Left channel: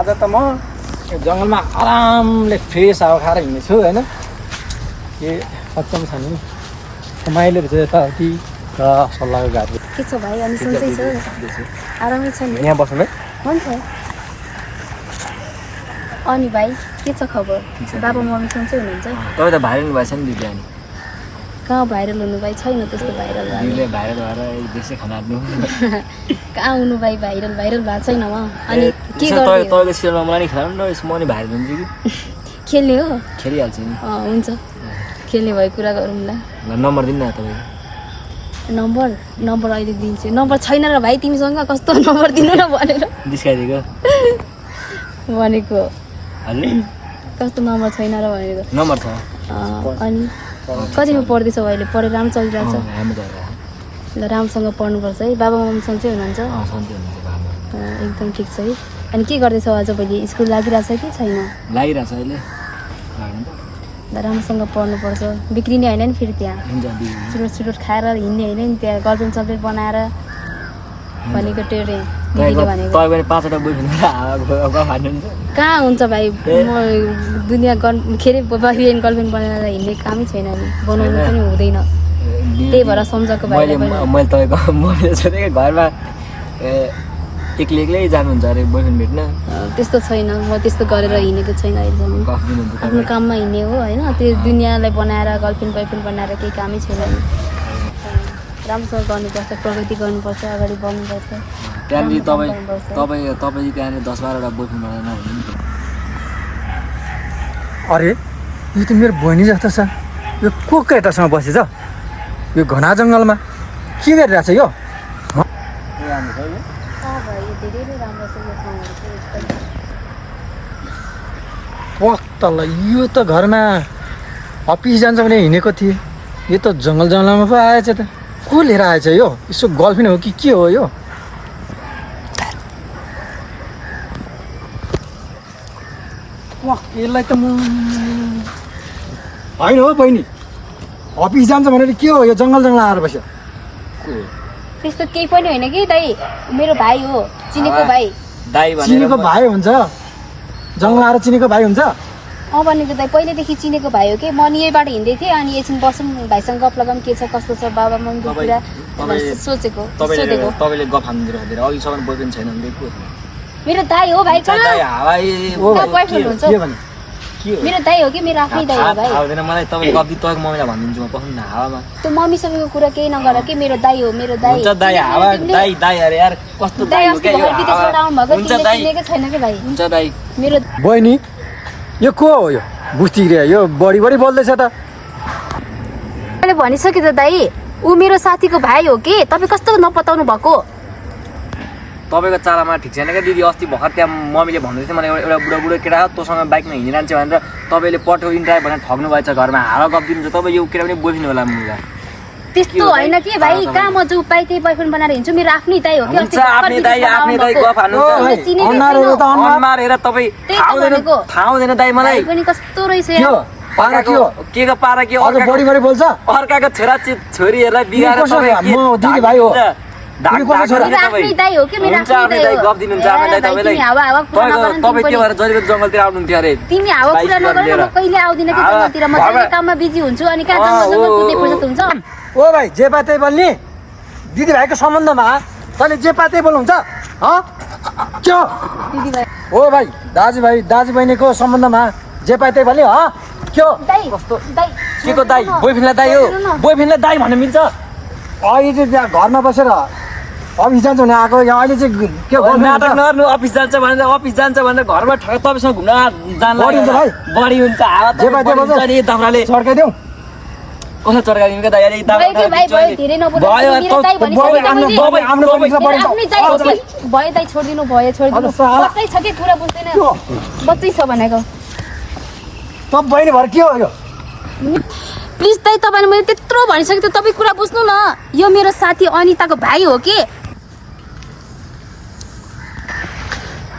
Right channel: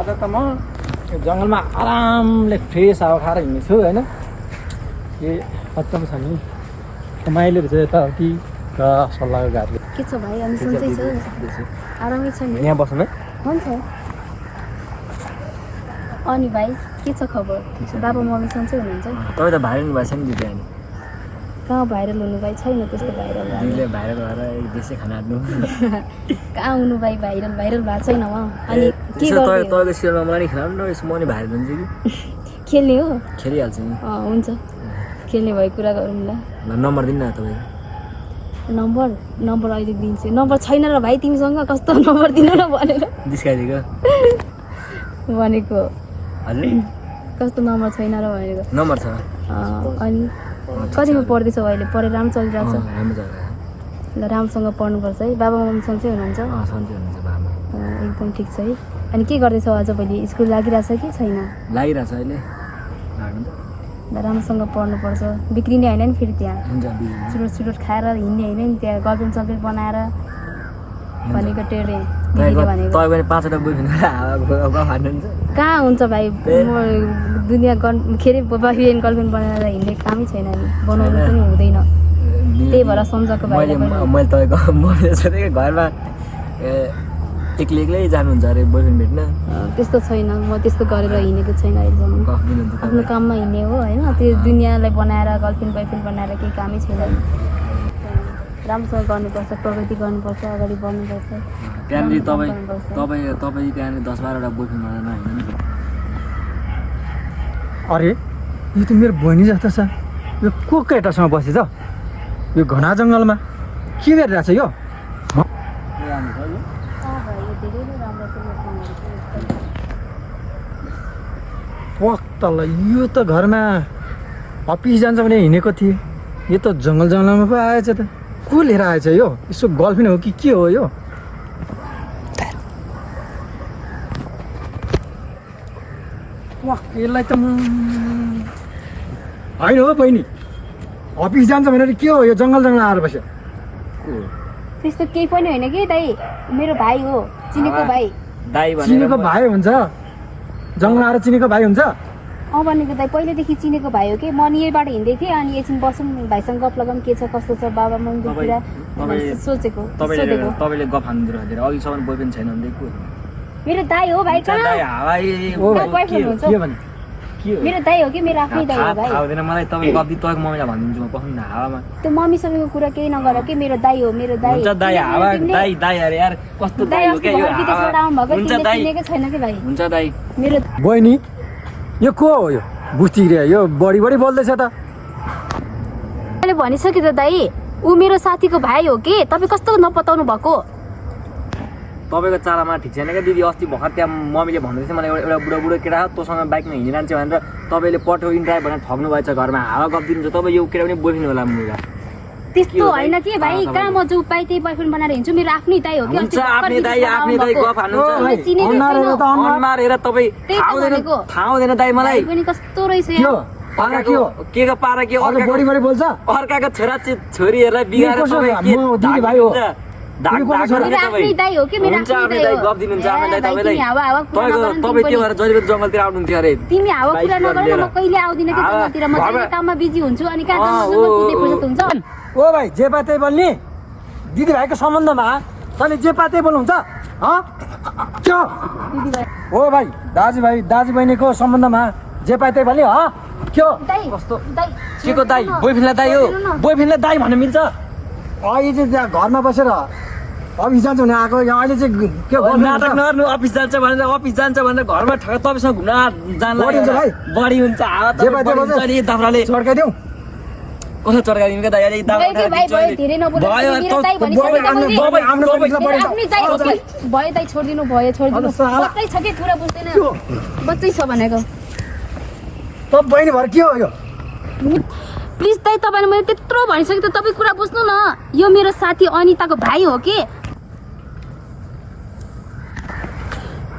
आज त म यो जङ्गलमा आरामले फ्रेस हावा खाएर हिँड्नेछु होइन के सक्षम छ नि रमाइलो रहेछ यताउति र सल्लाहको घाटले के छ भाइ अनि सन्चै छ आरामै छ नि यहाँ बस्नु है हुन्छ अनि भाइ के छ खबर बाबा मम्मी सन्चै हुनुहुन्छ तपाईँ त भाइरल भएछ नि दिदी अनि कहाँ भाइरल हुनु भाइ छैन त्यस्तो भाइरल दिदीले भाइरल भएर देशै खाना हाट्नु कहाँ हुनु भाइ भाइरल भाइरल भएको छैन म अनि के गर्ने तपाईँको सिरियलमा मलाई नि खेलाउनु न यसो म नि भाइरल हुन्छु कि खेल्ने हो खेलिहाल्छु नि हुन्छ खेल्ने भयो कुरा गरौँला ल नम्बर दिनु न तपाईँको नम्बर अहिले दिन्छु नम्बर छैन र भाइ तिमीसँग कस्तो नम्बर दिनु न भनेर डिस्काइदिएको भनेको हजुर कस्तो नम्बर छैन र भनेको नम्बर छ अनि कतिमा पढ्दैछौ अहिले पढेर राम्रो चलिरहेको छ राम्रो छ ल राम्रोसँग पढ्नुपर्छ है बाबा मम्मी सन्चै हुनुहुन्छ सन्चै हुनुहुन्छ बाबा एकदम ठिक छ है अनि के गर्दैछौ आज भोलि स्कुल लागिरहेछ कि छैन लागिरहेको छ अहिले लाग्नु त ल राम्रोसँग पढ्नुपर्छ बिग्रिने होइन नि फेरि त्यहाँ हुन्छ चुरोट खाएर हिँड्ने होइन नि त्यहाँ गर्लफ्रेन्ड सल्फ्रेन्ड बनाएर भनेको टेरे भनेको तपाईँ पनि 5वटा बोयफ्रेन्ड हावा हान्नुहुन्छ कहाँ हुन्छ भाइ म दुनियाँ के अरे बोयफ्रेन्ड गर्लफ्रेन्ड बनाएर हिँड्ने कामै छैन नि बनाउनु पनि हुँदैन त्यही भएर सम्झाएको भाइ मैले तपाईँको मैले सोधेको घरमा एक्लै जानुहुन्छ अरे बोयफ्रेन्ड भेट्न त्यस्तो छैन म त्यस्तो गरेर हिँडेको छैन अहिलेसम्म गफ दिनुहुन्छ आफ्नो काममा हिँड्ने हो होइन त्यो दुनियाँलाई बनाएर गर्लफ्रेन्ड बोयफ्रेन्ड बनाएर केही कामै छैन नि राम्रोसँग गर्नुपर्छ प्रगति गर्नुपर्छ अगाडि बढ्नुपर्छ त्यहाँनिर तपाईँ त्यहाँनिर 10-12वटा बोयफ्रेन्ड बनाएर नहिँड्नु नि अरे यो त मेरो बहिनी जस्तो छ यो को केटासँग बसेछ यो घना जङ्गलमा के गरिरहेछ यो राम्रो छ यो भाइ यो धेरै नै राम्रो छ यो ठाउँहरू चाहिँ एकदम वक्तल यो त घरमा अफिस जान्छ भने हिँडेको थिएँ यो त जङ्गलमा पो आएछ त को लिएर आएछ यो यसो गर्लफ्रेन्ड हो कि के हो यो यसलाई त म होइन हो बहिनी अफिस जान्छ भनेर के हो यो जङ्गल आएर बस्यो त्यस्तो केही पनि होइन कि दाइ मेरो भाइ हो चिनेको भाइ दाइ चिनेको भाइ हुन्छ जङ्गल आएर चिनेको भाइ हुन्छ भनेको दाइ पहिल्यैदेखि चिनेको भाइ हो कि म नि यहीबाट हिँड्दै थिएँ अनि एकछिन बसौँ भाइसँग गफ लगाऊँ के छ कस्तो छ बाबा मम्मीको कुरा सोधेको तपाईँले गफ हान्दिनु अघिसम्म बोयफ्रेन्ड छैन भने को मेरो दाइ हो भाइ कहाँ बोयफ्रेन्ड हुन्छ मेरो दाइ हो कि मेरो आफ्नै दाइ हो भाइ आउँदैन मलाई तपाईँले गफ दिनु तपाईँको मम्मीलाई भनिदिन्छु म पखाउनु न हावामा त्यो मम्मीसँगको कुरा केही नगर कि मेरो दाइ हो मेरो दाइ हुन्छ दाइ हावा दाइ अरे यार कस्तो दाइ हो क्या यो हुन्छ दाइ चिनेकै छैन कि भाइ हुन्छ दाइ मेरो बहिनी यो को हो यो बुझ्तिरे यो बढी बोल्दैछ त मैले भनिसकेँ त दाइ ऊ मेरो साथीको भाइ हो कि तपाईँ कस्तो नपताउनु भएको तपाईँको चालामा ठिक छैन क्या दिदी अस्ति भर्खर त्यहाँ मम्मीले भन्दै थियो मलाई एउटा बुढो केटा हो तँसँग बाइकमा हिँडिरहन्छ भनेर तपाईँले पठाउनु ड्राइभ भनेर ठग्नु भएछ घरमा हावा गफ दिनुहुन्छ तपाईँ यो केटा पनि बोयफ्रेन्ड होला मुला त्यस्तो होइन कि भाइ कहाँ म जो पाइ त्यही बोयफ्रेन्ड बनाएर हिँड्छु मेरो आफ्नै दाइ हो कि आफ्नै दाइ गफ हान्नुहुन्छ अनुहार तपाईँ थाहा हुँदैन दाइ मलाई पनि कस्तो रहेछ के को पारा के बढी बोल्छ अर्काको छोरीहरूलाई बिगाएर दिदी भाइ हो आफ्नै दाइ हो कि मेरो आफ्नै दाइ गफ दिनुहुन्छ आफ्नै दाइ तपाईँलाई तपाईँ त्यो भएर जहिले जङ्गलतिर आउनुहुन्थ्यो अरे तिमी हावा कुरा नगर्नु म कहिले आउँदिन कि जङ्गलतिर म चाहिँ काममा बिजी हुन्छु अनि कहाँ जङ्गल कुद्ने फुर्सद हुन्छ ओ भाइ जे पाते बोल्ने दिदी भाइको सम्बन्धमा तैँले जे पाते बोल्नुहुन्छ के दिदी भाइ ओ भाइ दाजु बहिनीको सम्बन्धमा जे पाते बोल्ने के हो कस्तो के को दाइ बोयफ्रेन्डलाई दाइ हो बोयफ्रेन्डलाई दाइ भन्नु मिल्छ अहिले चाहिँ त्यहाँ घरमा बसेर अफिस जान्छ भने आएको यहाँ अहिले चाहिँ के नाटक नगर्नु अफिस जान्छ भनेर घरमा तपाईँसँग घुम्न जानु बढी हुन्छ हावा चर्काइदेऊ कसो चर्काइदिनु क्या दाइ भयो दाइ छोडिदिनु बच्चै छ कि कुरा बुझ्दैन बच्चै छ भनेको त बहिनी भएर के हो यो प्लिज दाइ तपाईँले मैले त्यत्रो भनिसकेँ त तपाईँ कुरा बुझ्नु न यो मेरो साथी अनिताको भाइ हो कि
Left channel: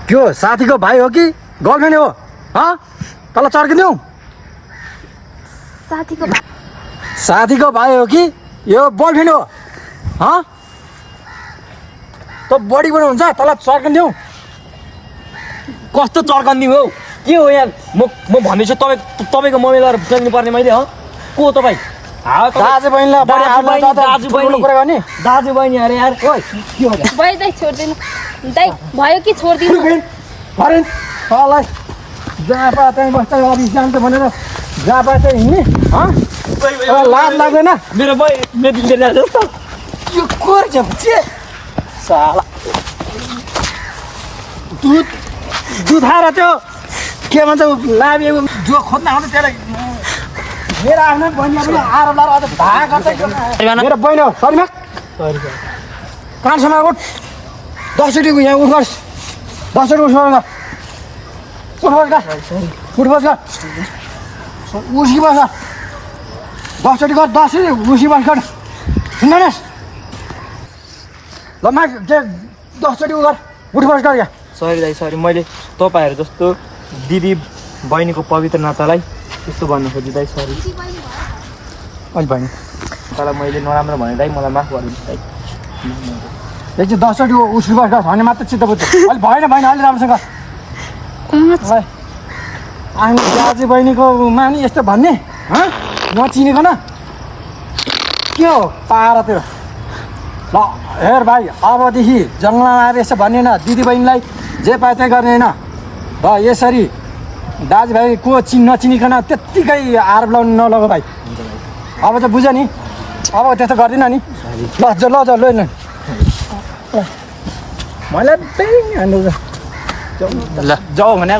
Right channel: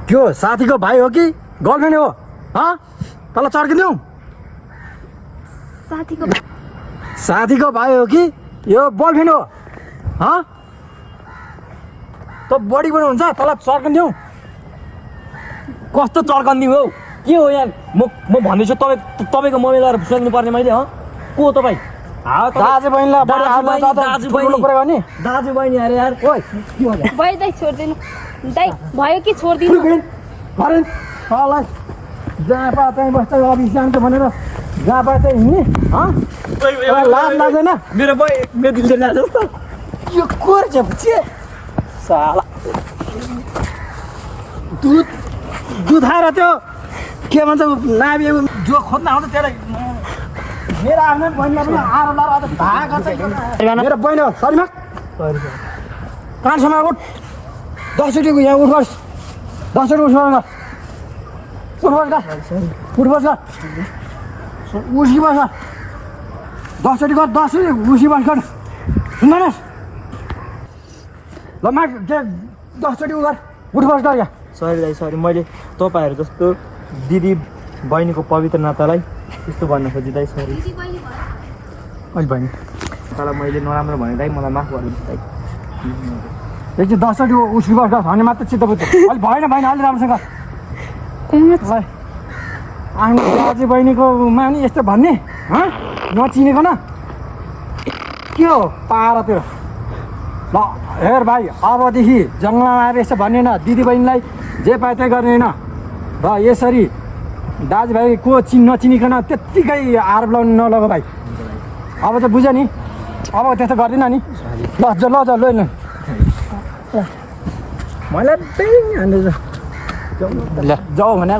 त्यो साथीको भाइ हो कि गर्लफ्रेन्ड हो तल चर्किदिउँ साथीको भाइ हो कि यो बोयफ्रेन्ड हो त बढी हुन्छ तल चर्किदिउँ कस्तो चर्कन्दी हो के हो यार म भन्दैछु तपाईँको मम्मी लगाएर बुझ्नु पर्ने मैले हो को तपाईँ दाजु बहिनीलाई दाजु बहिनी अरे यार ओइ के हो भयो दाइ छोड्दिनु दाइ भयो कि छोड्दिनु भरेन तँलाई जहाँ पाए त्यहीँ बस्छ अफिस जान्छ भनेर जहाँ पाए त्यहीँ हिँड्ने लाज लाग्दैन मेरो मेदिन जस्तो यो को रहेछ के साला दुध आएर त्यो के भन्छ लाबिएको जो खोज्न आउँछ त्यसलाई मेरो आफ्नै बहिनीलाई पनि आएर लाएर अझ भाग गर्छ मेरो बहिनी हो सरीमा कानसम्म उठ 10 चोटि यहाँ उठ्नुहोस् 10 चोटि उठ्नुहोस् उठ्नुहोस् उसी बस 10 चोटि गर 10 चोटि उसी बस गर सुन्नुहोस् ल मा 10 चोटि गर उठ्नुहोस् गर यहाँ सरी दाइ सरी मैले तपाईँहरू जस्तो दिदी बहिनीको पवित्र नातालाई त्यस्तो भन्न खोजेँ दाइ सरी अहिले बहिनी तर मैले नराम्रो भने दाइ मलाई माफ गरिदिनु दाइ यो चाहिँ 10 चोटि उसी बस गर भने मात्र चित्त बुझ्छ अहिले भएन भएन अलि राम्रोसँग आफ्नो दाजु बहिनीको मानि यस्तो भन्ने नचिनेको न के हो पारातिर ल हेर भाइ अबदेखि जङ्गलमा आएर यसो भन्ने न दिदी बहिनीलाई जे पाए त्यही गर्ने होइन र यसरी दाजुभाइ को नचिनिकन त्यत्तिकै आरोप लाउनु नलग भाइ अब चाहिँ बुझ्यो नि अब त्यस्तो गर्दिनँ नि ल मैले त्यही ल जाऊ भने